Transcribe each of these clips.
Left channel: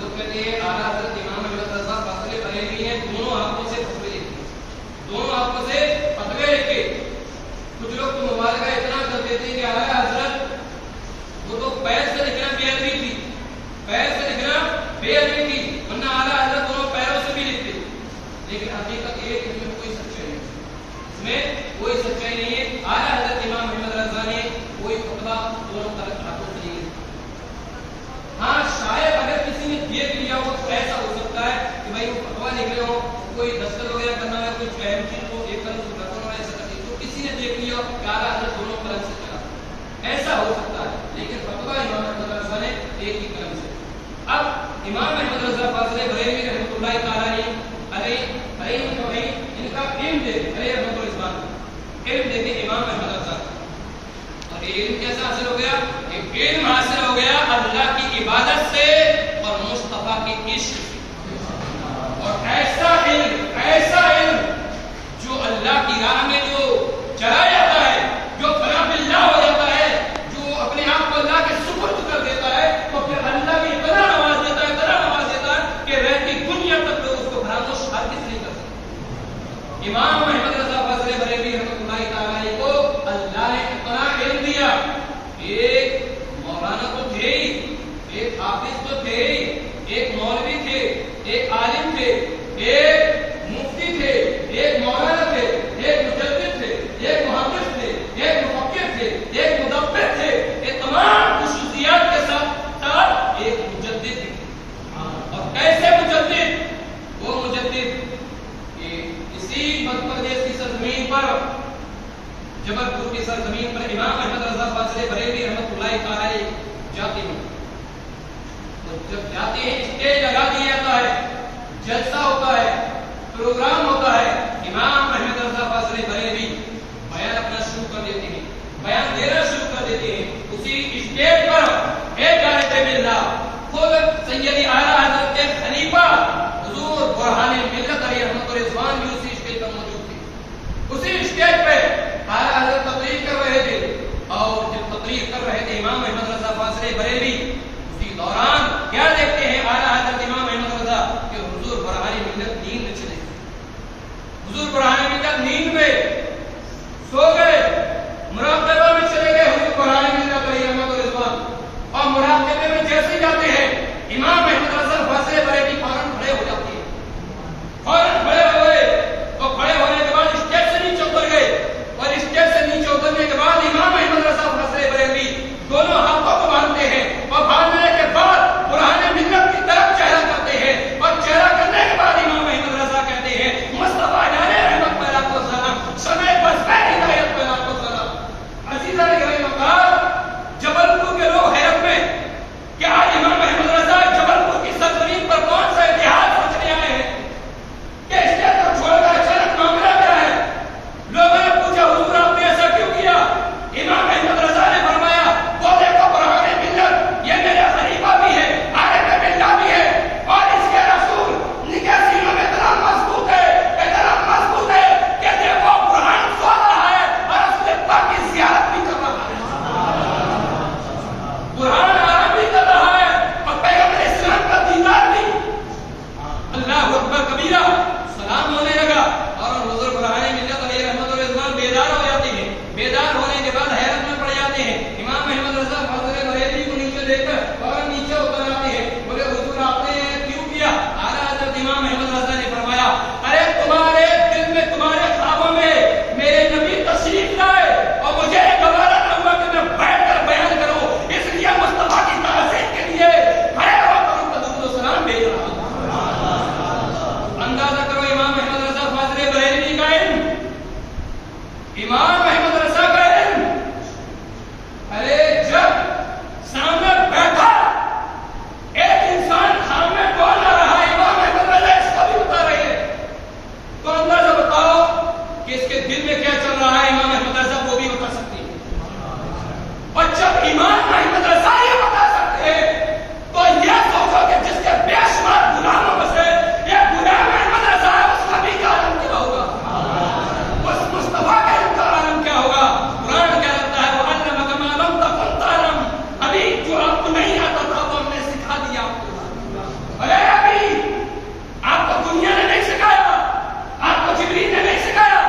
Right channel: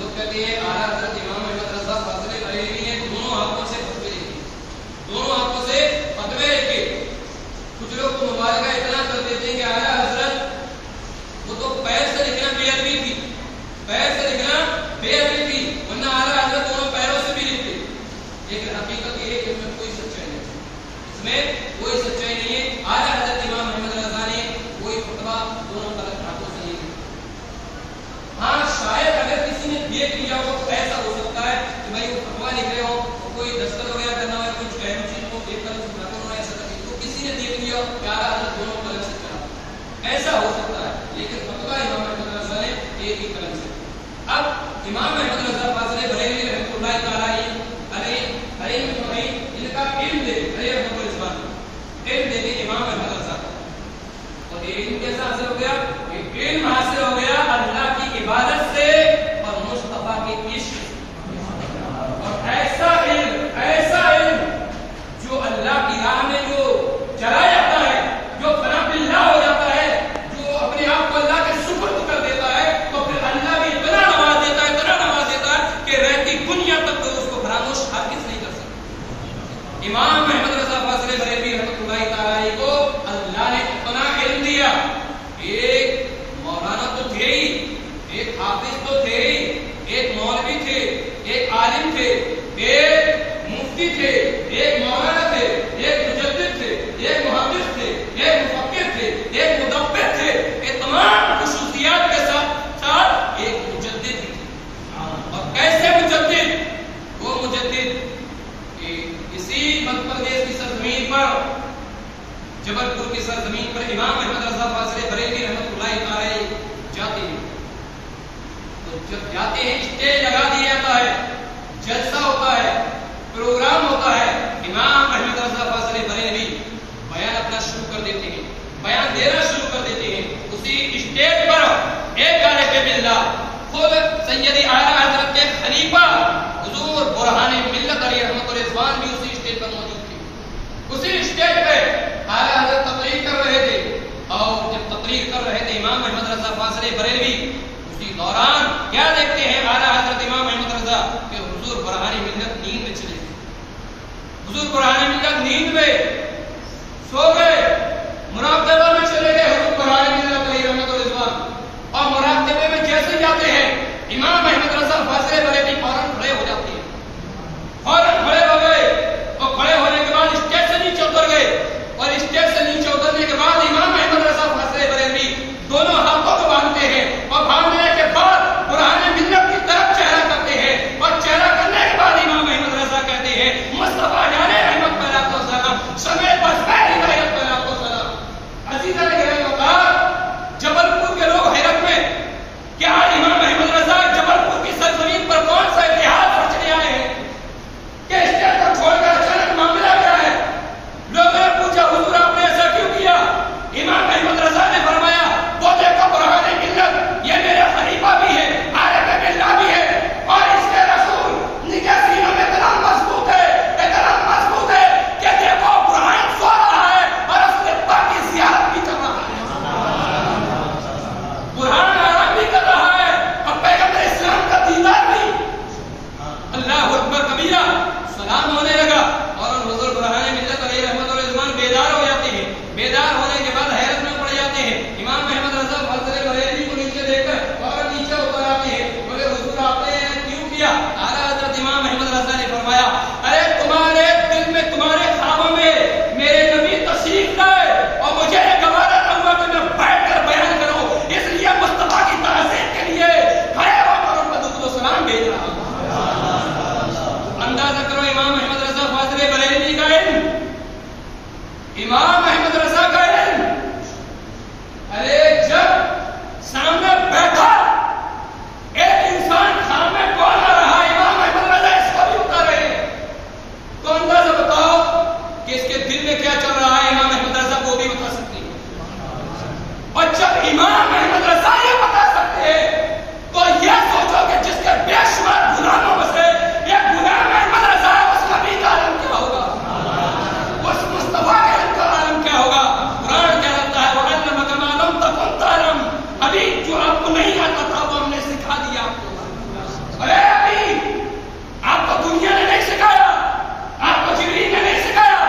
لوگ کہتے ہیں اعلیٰ حضرت امام احمد رضا فاضل بریلوی نے دونوں آنکھوں سے فتوے لکھے کوئی دستخط وغیرہ کرنا ہو یا کچھ اہم چیز کو ایک قلم سے کرتا انہوں نے ایسا کر دیا تو کسی نے دیکھ لیا کہ اعلیٰ حضرت دونوں قلم سے چلا، ایسا ہو سکتا ہے، لیکن فتویٰ امام احمد رضا نے ایک ہی قلم سے۔ اب امام احمد رضا فاضل بریلوی رحمۃ اللہ تعالی علیہ ان کا علم دیکھے رحمۃ الاسلام علم دیکھے امام احمد رضا اور علم کیسا حاصل ہو گیا؟ علم حاصل ہو گیا اللہ کی عبادت سے اور مصطفیٰ کے عشق اور ایسا علم جو اللہ کی راہ میں جو چلا جاتا ہے، جو فنا باللہ ہو جاتا ہے، جو اپنے آپ کو اللہ کے سپرد کر دیتا ہے، تو پھر اللہ بھی اتنا نواز دیتا ہے کہ رہتی دنیا تک تو اس کو فراموش ہرگز نہیں کر سکتا۔ امام احمد رضا فاضل بریلوی رحمۃ اللہ تعالی کو اللہ نے اتنا علم دیا، ایک مولانا تو تھے ہی، ایک حافظ تو تھے ہی، ایک مولوی تھے، ایک عالم تھے، ایک مفتی تھے، ایک مولانا تھے، ایک مجدد تھے، ایک محدث تھے، ایک مفکر تھے، ایک مدبر تھے، یہ تمام خصوصیات کے ساتھ ساتھ ایک مجدد بھی تھے۔ اور کیسے مجدد؟ وہ مجدد اسی مدھیہ پردیش کی سرزمین پر، جبل پور کی سرزمین پر امام احمد رضا فاضل بریلوی رحمۃ اللہ تعالی جاتے ہیں، تو جب جاتے ہیں اسٹیج لگا دیا جاتا ہے، جلسہ ہوتا ہے، پروگرام ہوتا ہے، امام احمد رضا فاضل بریلوی بیان اپنا شروع کر دیتے ہیں، بیان دینا شروع کر دیتے ہیں۔ اسی اسٹیج پر ایک غالب باللہ خود سیدی اعلیٰ حضرت کے خلیفہ حضور برہان ملت علی رحمۃ الرضوان بھی اسی اسٹیج پر موجود تھے۔ اسی اسٹیج پہ اعلیٰ حضرت تقریر کر رہے تھے، اور جب تقریر کر رہے تھے امام احمد رضا فاضل بریلوی، اسی دوران کیا دیکھتے ہیں اعلیٰ حضرت امام احمد رضا کہ حضور برہان ملت نیند میں چلے گئے، حضور برہان ملت نیند میں سو گئے، مراقبہ میں چلے گئے حضور برہان ملت علی رحمۃ الرضوان، اور مراقبے میں جیسے جاتے ہیں امام احمد رضا فاضل بریلوی فوراً کھڑے ہو جاتے ہیں، فوراً کھڑے ہو گئے، اور کھڑے ہونے کے بعد اسٹیج سے نیچے اتر گئے، اور اسٹیج سے نیچے اترنے کے بعد امام احمد رضا فاضل بریلوی دونوں ہاتھوں کو باندھتے ہیں، اور باندھنے کے بعد برہان ملت کی طرف چہرہ کرتے ہیں، اور چہرہ کرنے کے بعد امام احمد رضا کہتے ہیں مصطفیٰ جان رحمت پر آپ کو سلام، سمے بس میں ہدایت پر آپ کو سلام۔ عزیزان گرامی وقار، جبل پور کے لوگ حیرت میں کہ آج امام احمد رضا جبل پور کی سرزمین پر کون سا اتحاد رچنے آئے ہیں کہ اسٹیج کو چھوڑ کر اچانک معاملہ کیا ہے؟ لوگوں نے پوچھا حضور آپ نے ایسا کیوں کیا؟ امام احمد رضا نے فرمایا وہ دیکھو برہان ملت یہ میرے خلیفہ بھی ہے، عارف باللہ بھی ہے، اور اس کے رسول نکاح سینوں میں اتنا مضبوط ہے کہ دیکھو برہان سو رہا ہے اور رسول پاک کی زیارت بھی کر رہا ہے، برہان آرام بھی کر رہا ہے اور پیغمبر اسلام کا دیدار بھی۔ اللہ اکبر کبیرہ، سلام ہونے لگا، اور حضور برہان ملت علیہ رحمۃ الرضوان بیدار ہو جاتے ہیں، بیدار ہونے کے بعد حیرت میں پڑ جاتے ہیں، امام احمد رضا فاضل بریلوی کو نیچے دیکھ کر اور نیچے اتر آتے ہیں، بولے حضور آپ نے کیوں کیا؟ اعلیٰ حضرت امام احمد رضا نے فرمایا ارے تمہارے دل میں، تمہارے خوابوں میں میرے نبی تشریف لائے اور مجھے گوارا نہ ہوا کہ میں بیٹھ کر بیان کروں، اس لیے مصطفیٰ کی تعظیم کے لیے کھڑے ہو کر ان کو درود و سلام بھیج رہا ہوں۔ اندازہ کرو امام احمد رضا فاضل بریلوی کا علم، امام احمد رضا کا علم، ارے جب سامنے بیٹھا ایک انسان خواب میں کون آ رہا، امام احمد رضا اس کو بھی بتا رہے ہیں، تو اندازہ بتاؤ کہ اس کے دل میں کیا چل رہا ہے، امام احمد رضا وہ بھی بتا سکتے ہیں۔ اور جب امام احمد رضا یہ بتا سکتے ہیں تو یہ سوچو کہ جس کے بے شمار غلاموں میں سے ایک غلام احمد رضا ہے، اس نبی کا عالم کیا ہوگا، اس مصطفیٰ کے علم کا عالم کیا ہوگا۔ قرآن کیا رہتا ہے وَعَلَّمَكَ مَا لَمْ تَكُنْ تَعْلَمْ، ابھی جو آپ کو نہیں آتا تھا وہ ہم نے سکھا دیا آپ کو۔ ارے ابھی آپ کو دنیا نے نہیں سکھایا، آپ کو جبریل نے نہیں سکھایا،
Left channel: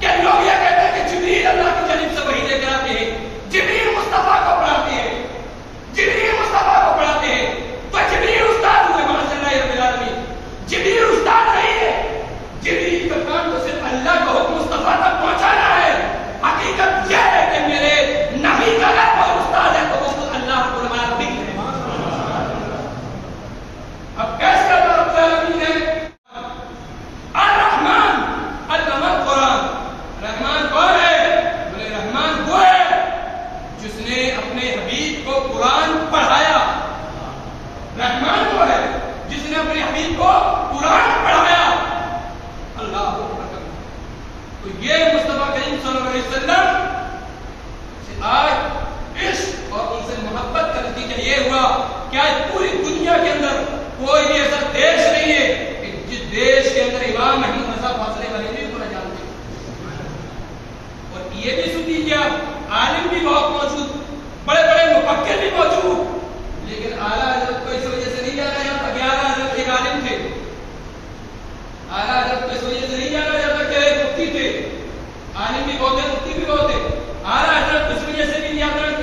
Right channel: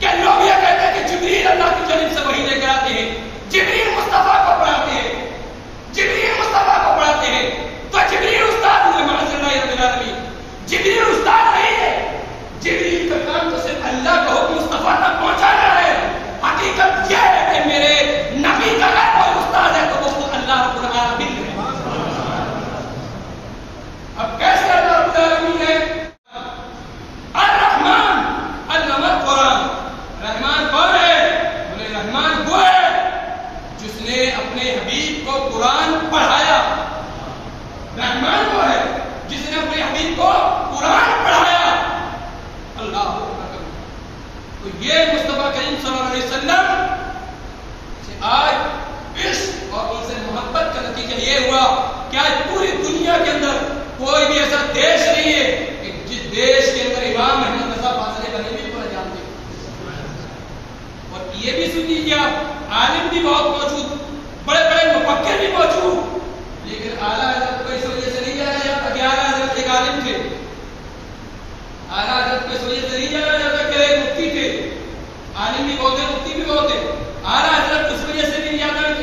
کہ لوگ یہ کہتے ہیں کہ جبریل اللہ کی جانب سے وحی لے کر آتے ہیں، جبریل مصطفیٰ کو پڑھاتے ہیں، تو یہ مصطفیٰ کریم صلی اللہ علیہ وسلم سے آج عشق اور ان سے محبت کا نتیجہ یہ ہوا کہ آج پوری دنیا کے اندر کوئی بھی ایسا دیش نہیں ہے کہ جس دیش کے اندر امام احمد رضا فاضل بریلوی کو نہ جانتے. اور یہ بھی سن لیجیے آپ، عالم بھی بہت موجود، بڑے بڑے مفکر بھی موجود، لیکن اعلیٰ حضرت کو اس وجہ سے نہیں جانا جاتا کہ اعلیٰ حضرت ایک عالم تھے. اعلیٰ حضرت کو اس وجہ سے نہیں جانا جاتا کہ ایک مفتی تھے. عالم بھی بہت ہے، مفتی بھی بہت ہے. اعلیٰ حضرت اس وجہ سے بھی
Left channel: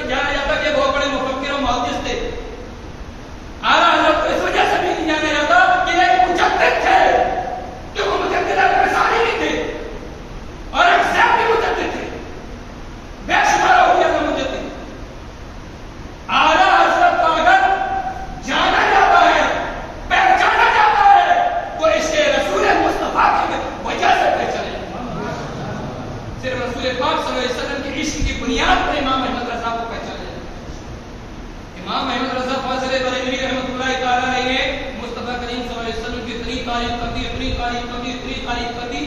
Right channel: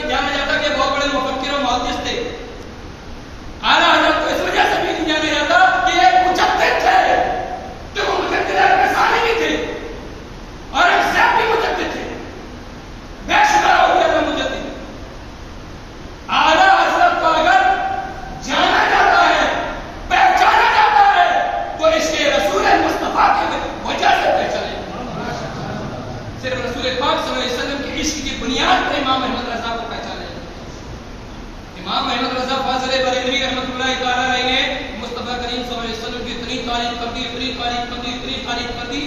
جانا جاتا کہ بہت بڑے مفکر اور محدث تھے. اعلیٰ حضرت کو اس وجہ سے بھی نہیں جانا جاتا کہ ایک مجدد تھے، جو مجددہ میں سارے بھی تھے اور ایک زیب بھی مجدد تھے، بے شمار ہو گیا تھا مجدد. اعلیٰ حضرت کو اگر جانا جاتا ہے، پہچانا جاتا ہے تو اس کے رسول مصطفیٰ کی وجہ سے پہچانے. صرف رسول پاک صلی اللہ علیہ وسلم کے عشق کی بنیاد پر امام احمد رضا کو پہچانا جاتا ہے. امام احمد رضا فاضل بریلوی رحمۃ اللہ تعالیٰ علیہ نے مصطفیٰ کریم صلی اللہ علیہ وسلم کی اتنی تعریف کر دی، اتنی تعریف کر دی، اتنی تعریف کر دی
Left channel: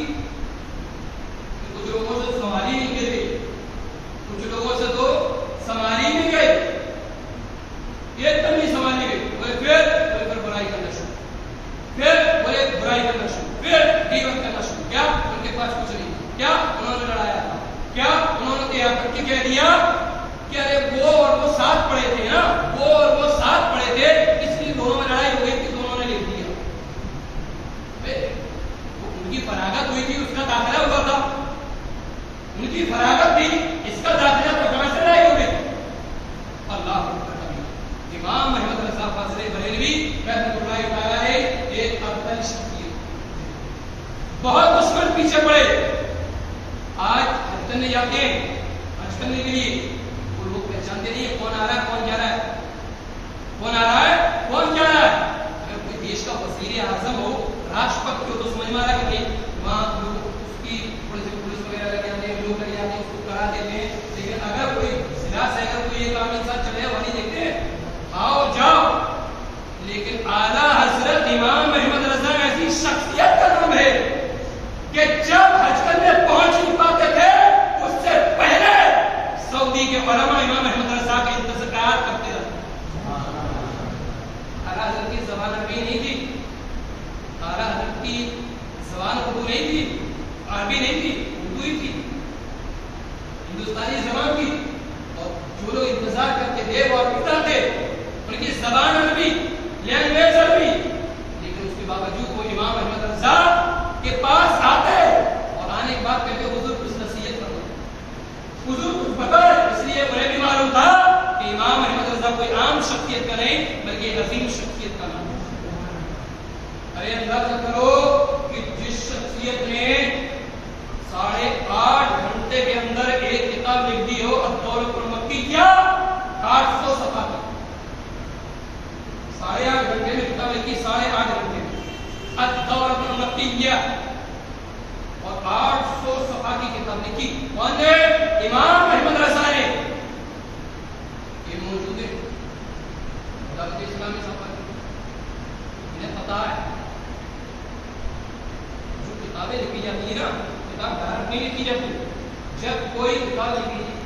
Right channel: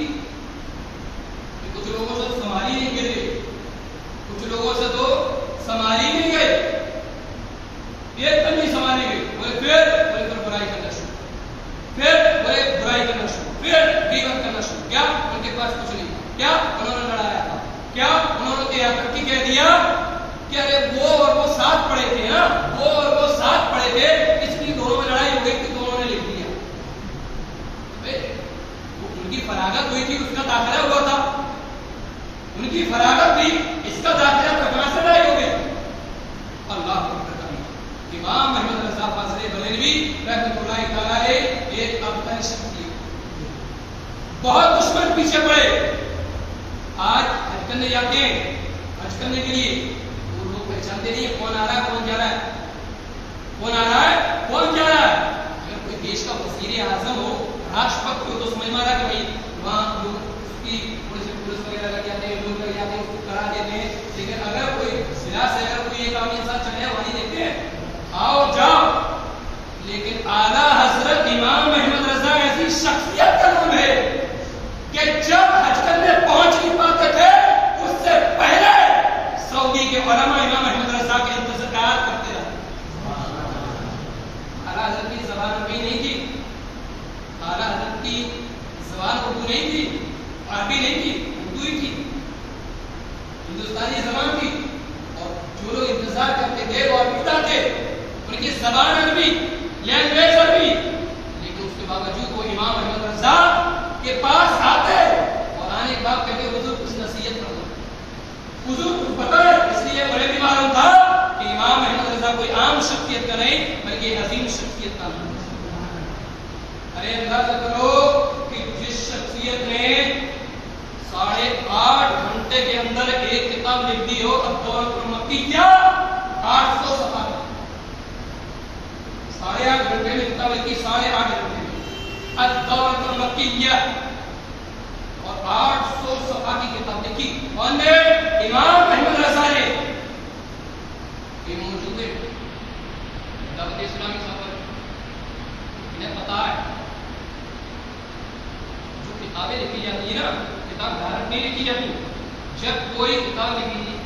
کہ کچھ لوگوں سے سنبھالی نہیں گئے، کچھ لوگوں سے تو سنبھالی نہیں گئے، ایک دم نہیں سنبھالے گئے. پھر برائی کرنا شروع، پھر برائی کرنا شروع، پھر غیبت کرنا شروع. کیا ان کے پاس کچھ نہیں، کیا انہوں نے لڑایا تھا، کیا انہوں نے یہاں تک کہ کہہ دیا کہ ارے وہ اور وہ ساتھ پڑے تھے نا، وہ اور وہ ساتھ پڑے تھے، اس لیے دونوں میں لڑائی ہو گئی تھی، دونوں نے لکھ دیا. ان کی فراغت ہوئی تھی، اس کا داخلہ ہوا تھا، ان کی فراغت تھی، اس کا داخلہ تو کہاں سے لڑائی ہو گئی. اللہ اکبر. امام احمد رضا فاضل بریلوی رحمۃ اللہ تعالیٰ علیہ ایک افضل شخصیت، بہت دشمن پیچھے پڑے. آج حج کرنے جاتے ہیں، حج کرنے کے لیے وہ لوگ پہچانتے نہیں ہے کون آ رہا ہے کون جا رہا ہے، کون آ رہا ہے کون جا رہا ہے. اگر کوئی دیش کا وزیر اعظم ہو، راشٹرپتی ہو تو سمجھ میں آ رہا کہ بھائی وہاں لوگ اس کی پولیس وغیرہ لگ جاتے ہیں، لوگ لگ جاتے ہیں، اس کو کرا دیتے ہیں. لیکن اگر کوئی ضلع سے اگر کوئی ایک عام انسان چلے وہاں نہیں دیکھتے ہیں، آؤ جاؤ. لیکن اعلیٰ حضرت امام احمد رضا ایسی شخصیت کا نام ہے کہ جب حج کرنے پہنچ نہیں پاتے تھے اس سے پہلے سعودی کے علماء امام احمد رضا کے انتظار کرتے رہتے. اعلیٰ حضرت کی زبان عربی نہیں تھی، اعلیٰ حضرت کی زبان اردو نہیں تھی، عربی نہیں تھی، اردو ہی تھی، ہندوستانی زبان تھی. اور جو لوگ انتظار کرتے تھے وہ عربی تھے، ان کی زبان عربی، لینگویج عربی، لیکن اس کے باوجود وہ امام احمد رضا کے پاس آتے اور آنے کے بعد کہتے حضور کچھ نصیحت کر دو، حضور کچھ بتائے. اس لیے انہیں بھی معلوم تھا کہ امام احمد رضا کوئی عام شخصیت کا نہیں بلکہ عظیم شخصیت کا نام. ارے اندازہ کرو کہ جس شخصیت نے 8.5 گھنٹے کے اندر ایک کتاب لکھ دی ہو، الدورۃ المکیہ، 800 صفحہ کی، 8.5 گھنٹے میں کتاب لکھی، 8.5 گھنٹے میں الدورۃ المکیہ، اور 800 صفحہ کی کتاب لکھی. کون نے؟ امام احمد رضا نے. یہ موجود ہے دعوت اسلامی سفر، انہیں پتا ہے جو کتابیں لکھی جاتی ہیں نا، کتاب ڈائریکٹ نہیں لکھی جاتی. جب کوئی کتاب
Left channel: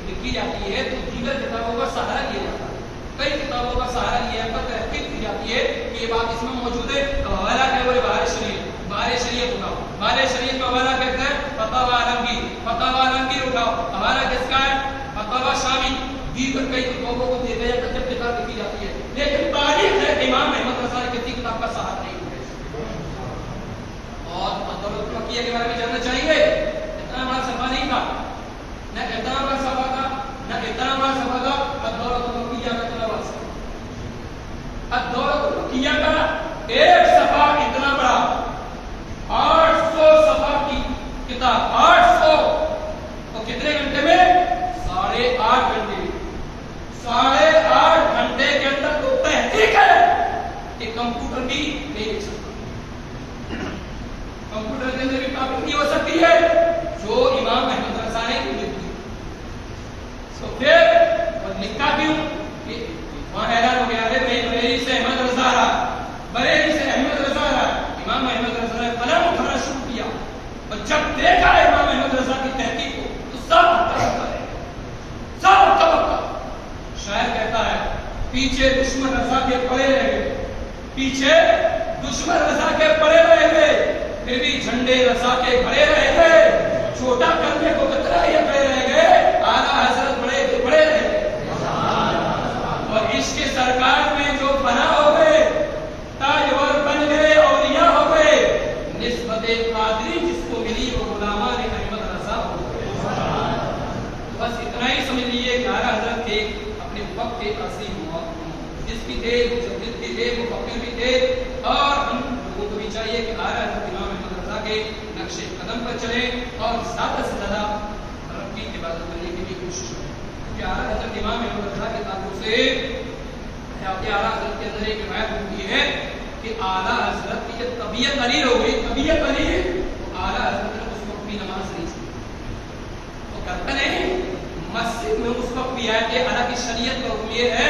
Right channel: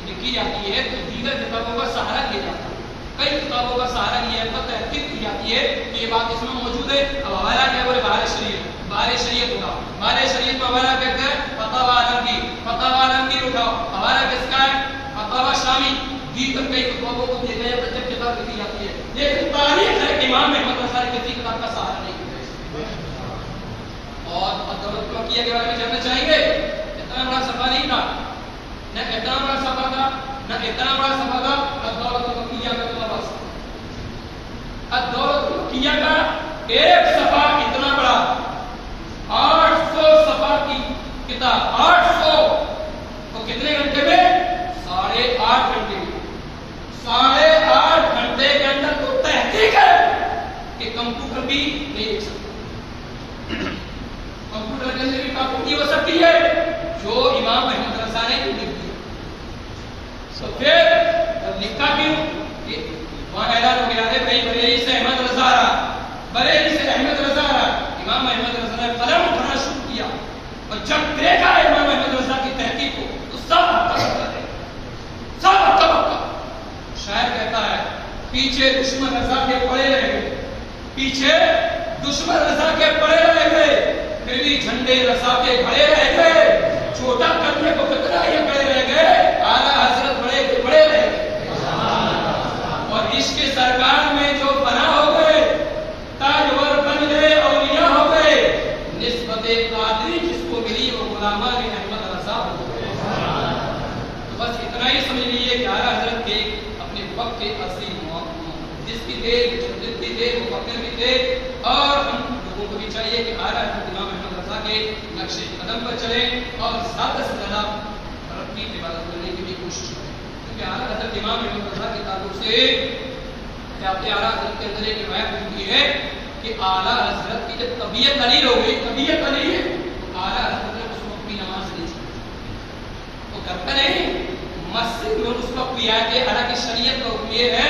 لکھی جاتی ہے تو دیگر کتابوں کا سہارا لیا جاتا ہے، کئی کتابوں کا سہارا لیا ہے، تحقیق کی جاتی ہے کہ یہ بات اس میں موجود ہے. اب حوالہ کیا بولے بہار شریعت اٹھاؤ، بہار شریعت میں حوالہ کہتے ہیں فتاوی عالمگیر، فتاوی عالمگیر اٹھاؤ. حوالہ کس کا ہے؟ فتاوی شامی. دیگر کئی کتابوں کو دیکھا جاتا ہے جب کتاب لکھی جاتی ہے، لیکن تاریخ ہے کہ امام احمد رضا نے کسی کتاب کا سہارا نہیں لیا. اور الدورۃ المکیہ کے بارے میں جاننا چاہیں گے؟ اتنا بڑا صفحہ نہیں تھا، نہ اتنا بڑا صفحہ تھا، نہ اتنا بڑا صفحہ تھا. الدورۃ المکیہ کا طلباء، الدورۃ المکیہ کا ایک صفحہ اتنا بڑا، 800 صفحہ کی کتاب، 800 تو کتنے گھنٹے میں؟ 8.5 گھنٹے میں. 8.5 گھنٹے کے اندر تو تحقیق ہے کہ کمپیوٹر بھی نہیں لکھ سکتا، کمپیوٹر کے اندر بھی کاپی نہیں ہو سکتی ہے جو امام احمد رضا نے لکھ دی. تو پھر لکھا کیوں کہ وہاں اعلان ہو گیا ہے بھائی بریلی سے احمد رضا رہا، بریلی سے احمد رضا رہا. امام احمد رضا نے قلم اٹھانا شروع کیا اور جب دیکھا امام احمد رضا کی پیچھے دشمن رضا کے پڑے رہ گئے، پیچھے دشمن رضا کے پڑے رہ گئے، پھر بھی جھنڈے رضا کے کھڑے رہ گئے، چھوٹا کرنے کو کتنا یہ کھڑے رہ گئے، اعلیٰ حضرت بڑے رہ گئے۔ اور عشق سرکار میں جو فنا ہو گئے، تاجور بن گئے، اولیاء ہو گئے، نسبت قادری جس کو ملی وہ غلامان احمد رضا ہو گئے۔ بس اتنا ہی سمجھ لیجیے کہ اعلیٰ حضرت کے اپنے وقت کے عظیم جس بھی تھے، مجدد بھی تھے، مفکر بھی تھے، اور ہم لوگوں کو بھی چاہیے کہ اعلیٰ حضرت امام احمد رضا کے نقش قدم پر چلیں اور زیادہ سے زیادہ رب کی عبادت کرنے کی بھی کوشش کریں، کیونکہ اعلیٰ حضرت امام احمد رضا کے تعلق سے آپ کے اعلیٰ حضرت کے اندر ایک روایت ہوتی ہے کہ اعلیٰ حضرت کی جب طبیعت علیل ہو گئی، طبیعت علیل، تو اعلیٰ حضرت نے اس وقت بھی نماز نہیں چھوڑی، تو کرتا نہیں مسجد میں اس وقت بھی آئے تھے۔ حالانکہ شریعت کا حکم یہ ہے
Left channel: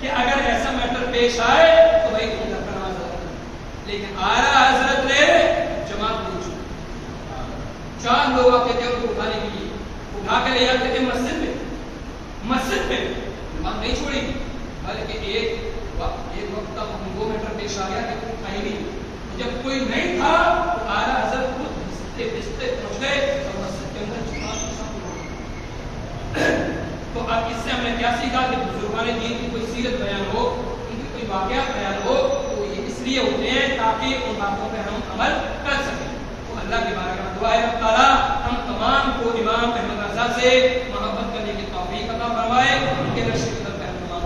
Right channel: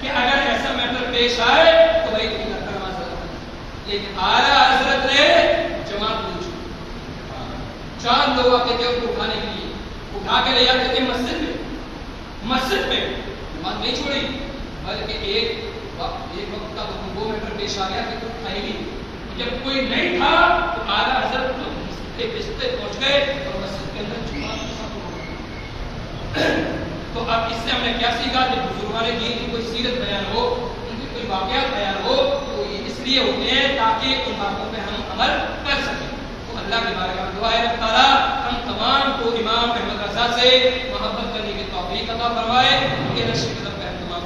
کہ اگر ایسا میٹر پیش آئے تو بھائی تم گھر پر نماز ادا کرنا، لیکن اعلیٰ حضرت نے جماعت نہیں چھوڑی۔ 4 لوگ آتے تھے ان کو اٹھانے کے لیے، اٹھا کے لے جاتے تھے مسجد میں نماز نہیں چھوڑی، بلکہ ایک وقت کا وہ میٹر پیش آ گیا کہ تم کہیں نہیں، جب کوئی نہیں تھا تو اعلیٰ حضرت خود بستتے بستتے پہنچ گئے اور مسجد کے اندر جماعت کو سب لوگ۔ تو اب اس سے ہم نے کیا سیکھا کہ بزرگان دین کی کوئی سیرت بیان ہو، ان کی کوئی واقعات بیان ہو تو یہ اس لیے ہوتے ہیں تاکہ ان باتوں پہ ہم عمل کر سکیں۔ تو اللہ کی بارگاہ میں دعا ہے رب تعالیٰ ہم تمام کو امام احمد رضا سے محبت کرنے کی توفیق عطا فرمائے، ان کے نقش قدم پہ ہم تمام